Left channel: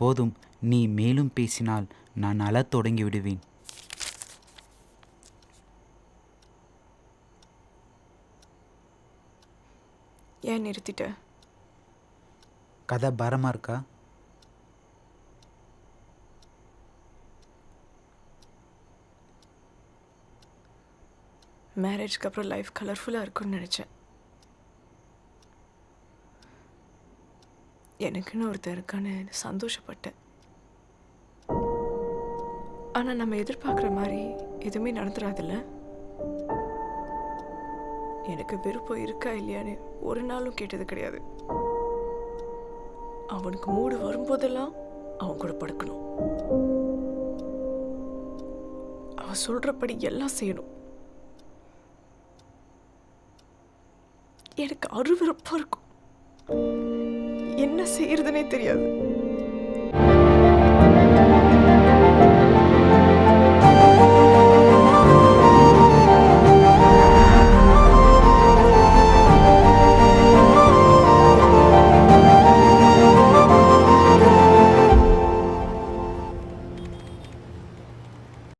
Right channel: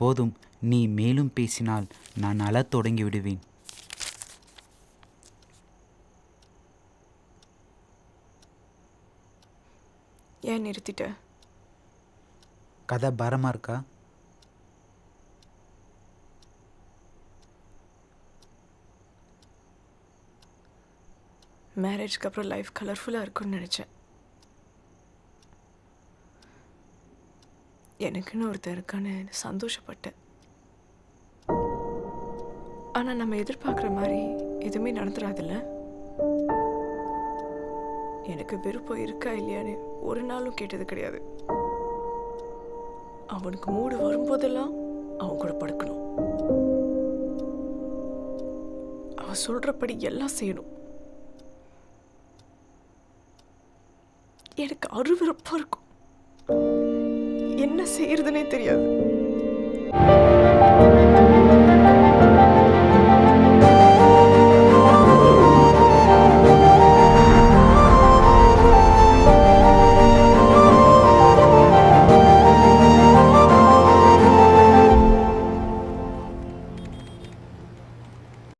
போதும் நீ மேலும் பேசினால் நான் அழத் தொடங்கி விடுவேன் ஏன் நிறுத்திட்ட? கதை பாரமாக இருக்கா? மேரேஜ்க்கு அப்புறம் லைஃப் கலர்ஃபுல்லாக இருக்கும்னு நினச்சேன். எனக்குன்னு ஒருத்தர் இருக்கான்னு சந்தோஷப்பட்டேன். ஆனால் நம்ம எதிர்பார்க்குற மாதிரி எதுவுமே நடந்துடாதுல்ல எனக்கு விருப்பம் இருக்கா இல்லையான்னு ஒரு நாளும் கேட்டது கிடையாது. அவனுக்கு மூடு வரும்போதெல்லாம் அவன் கூட படுக்கணும். அவன் சொல்றபடி எல்லாம் செய்யணும். எனக்கு அருவருப்பா இருக்கும். என்ன செய்யறதுனே தெரியாது.